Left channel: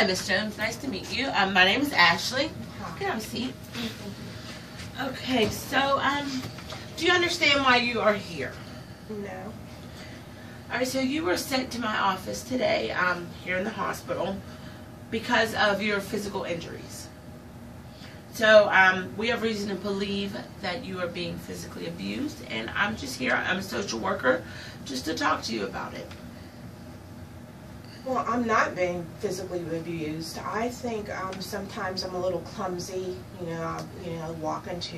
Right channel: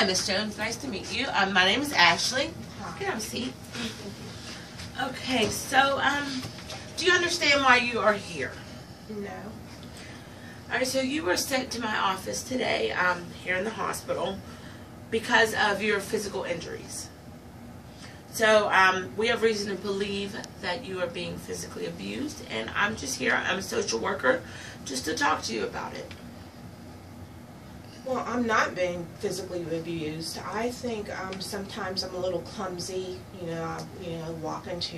Hi, Miss Jones. Nice to meet you. My name is Ashley. Hi. Can I have a seat? Okay, so do you understand why you are here? No. All right, so you were sent to my office today here in the hospital because of your physical injuries. So we have reason to believe that you are being physically abused, and I'm just here. I'm a social worker just to talk to you about it. Well, I'm not being physically abused. I think sometimes I'm a little clumsy. I walk into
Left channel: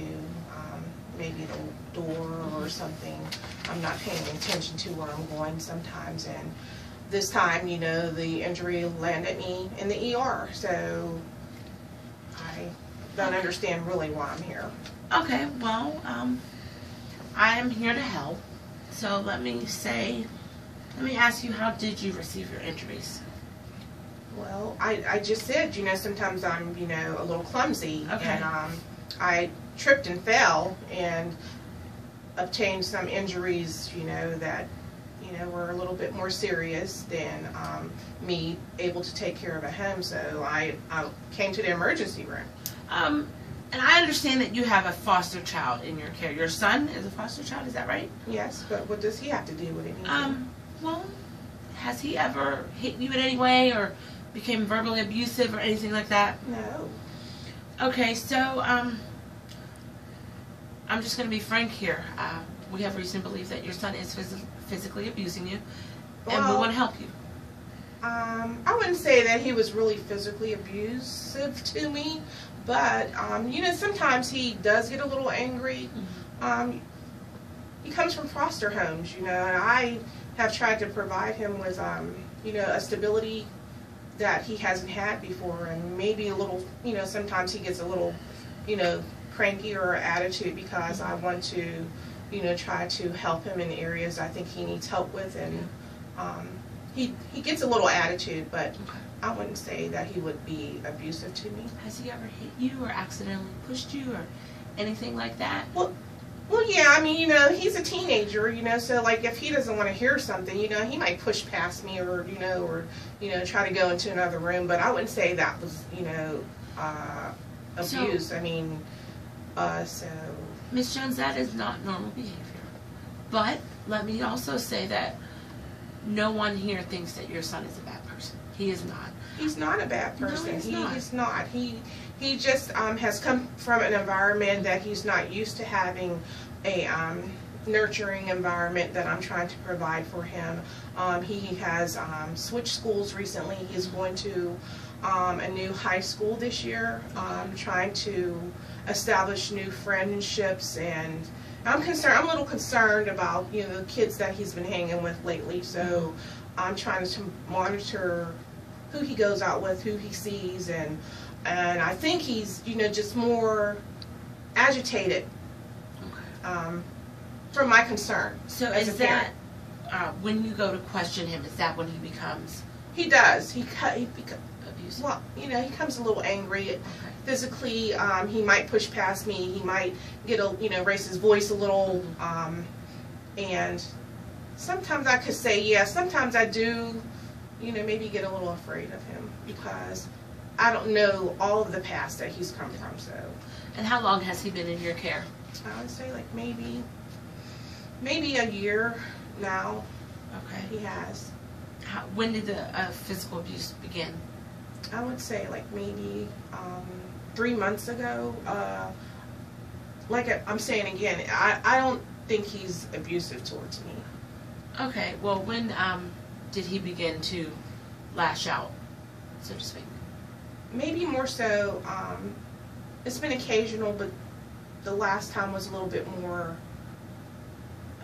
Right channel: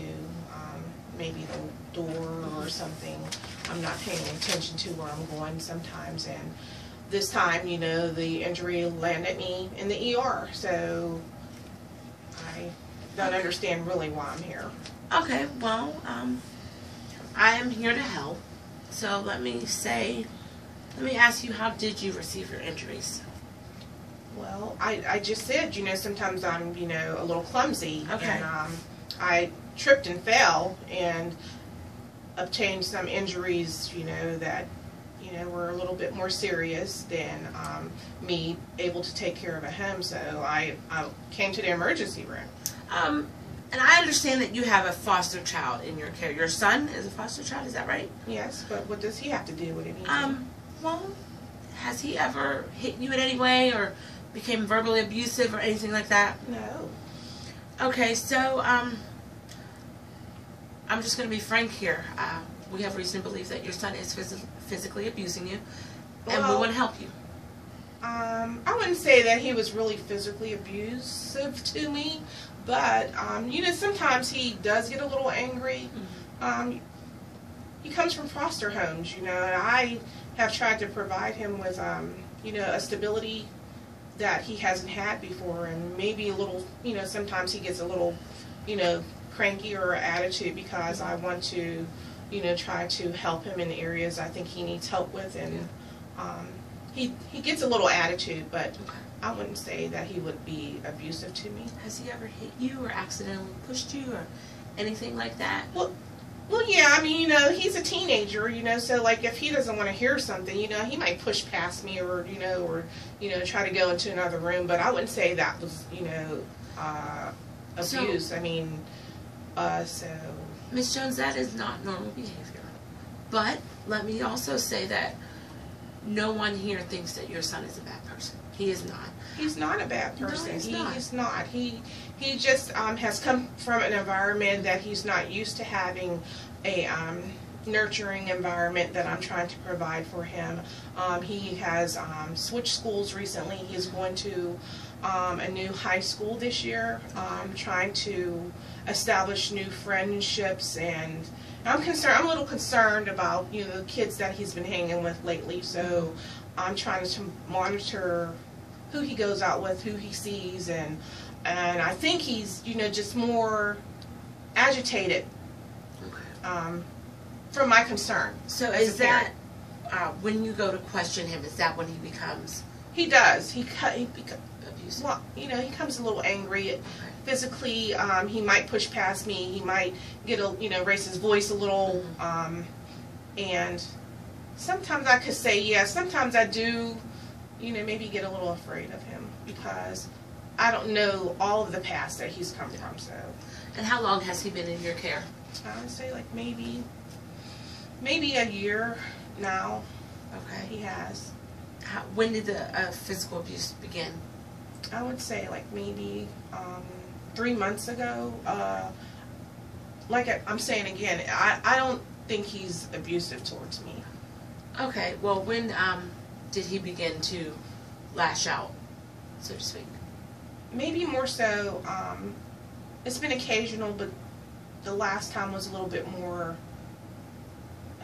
maybe the door or something. I'm not paying attention to where I'm going sometimes, and this time, the injury landed me in the ER. So I don't understand really why I'm here. Okay, well, I am here to help. So let me ask you, how did you receive your injuries? Well, I just said, sometimes I'm, a little clumsy. Okay. And I tripped and fell and obtained some injuries, that, were a little bit more serious than me able to take care of at home. So I came to the emergency room. And I understand that you have a foster child in your care. Your son is a foster child, is that right? Yes, but what does he have to do with it? Well, has he ever hit you in any way or became verbally abusive or anything like that? No. Okay, so I'm just going to be frank here. We have reason to believe that your son is physically abusing you, and we want to help you. I wouldn't say that he was really physically abusive to me, but sometimes he does get a little angry. Mm-hmm. He comes from foster homes, and I have tried to provide him with, a stability that he hasn't had before, and maybe a little, sometimes he gets a little, cranky or attitude because I want to, try to help him in the areas I think he needs help with, and he gets a little attitude, but Okay. I wouldn't say that he would be abusive to me. Has he ever hit you or accidentally pushed you or anything like that? Well, yeah, he's a teenager, so like if he doesn't want to hear something, he might push past me or try to go into another room, but I wouldn't say that was, abuse. So Miss Jones, that is not normal behavior. But let me also say that no one here thinks that your son is a bad person. He is not. He's not a bad person. No, he's not. He's not. He just has come from an environment that he's not used to having a nurturing environment that I'm trying to provide for him. He has switched schools recently. He's going to a new high school this year, trying to establish new friendships, and I'm a little concerned about the kids that he's been hanging with lately. So I'm trying to monitor who he goes out with, who he sees, and I think he's just more agitated. Okay. From my concern. So is that when you go to question him? Is that when he becomes? He does. He becomes Abusive. well. He becomes a little angry. Okay. Physically, he might push past me. He might get raise his voice a little, and sometimes I could say yes. Sometimes I do, maybe get a little afraid of him because I don't know all of the past that he's come from. So. And how long has he been in your care? I would say like maybe a year now. Okay. He has. When did the physical abuse begin? I would say like maybe 3 months ago. Like I'm saying again, I don't think he's abusive towards me. Okay. Well, when did he begin to lash out, so to speak? Maybe more so. It's been occasional, but the last time was a little bit more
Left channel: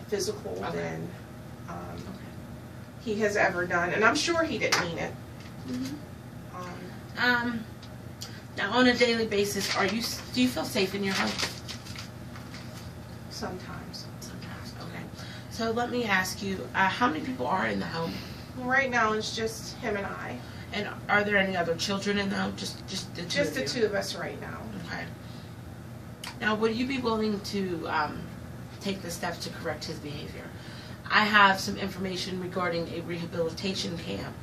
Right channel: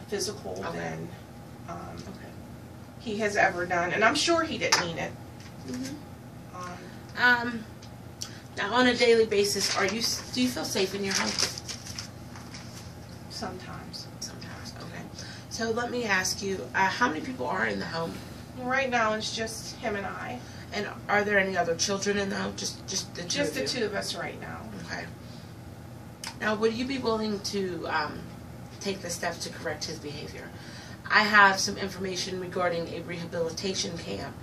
physical than he has ever done, and I'm sure he didn't mean it. Mm-hmm. Now, on a daily basis, do you feel safe in your home? Sometimes. Sometimes. Okay. So let me ask you, how many people are in the home? Right now, it's just him and I. And are there any other children in the home? Just the two. Just of the you? two of us right now. Okay. Now, would you be willing to take the steps to correct his behavior? I have some information regarding a rehabilitation camp.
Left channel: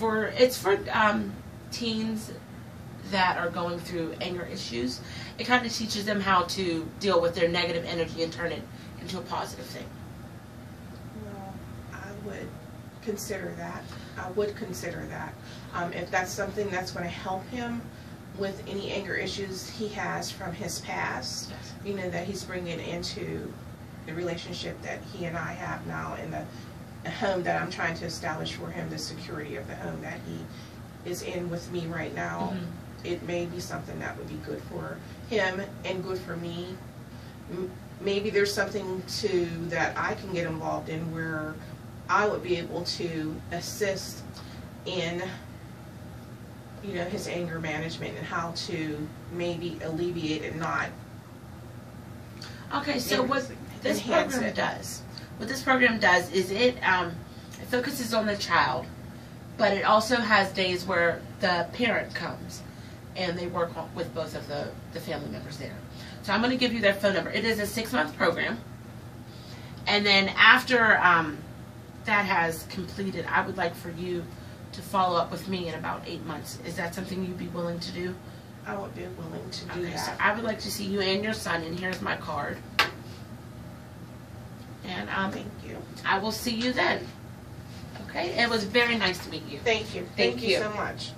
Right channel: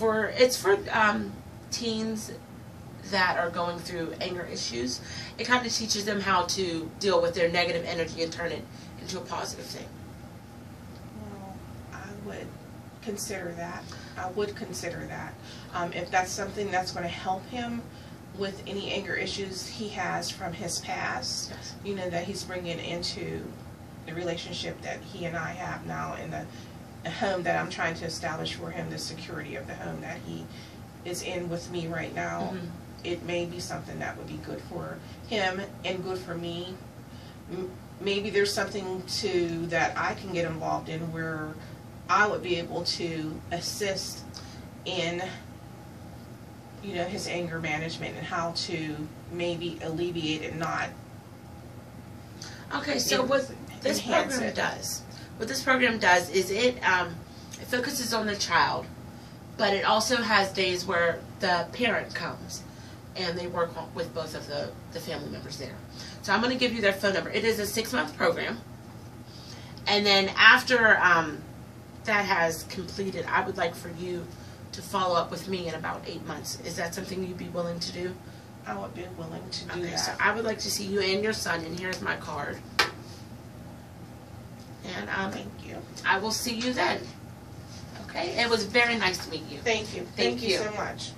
It's for teens that are going through anger issues. It kind of teaches them how to deal with their negative energy and turn it into a positive thing. Well, I would consider that. I would consider that. If that's something that's going to help him with any anger issues he has from his past, Yes. you know, that he's bringing into the relationship that he and I have now in the home that I'm trying to establish for him, the security of the home that he is in with me right now. Mm-hmm. It may be something that would be good for him and good for me. Maybe there's something too that I can get involved in where I would be able to assist in, you know, his anger management and how to maybe alleviate and not. Okay, so what this program does is it focuses on the child, but it also has days where the parent comes and they work with both of the family members there. So I'm going to give you their phone number. It is a 6-month program, and then after that has completed, I would like for you to follow up with me in about 8 months. Is that something you'd be willing to do? I would be willing to do that. So I would like to see you and your son, and here's my card. And Thank you. I will see you then. Okay? It was very nice to meet you. Thank you. Thank you so much.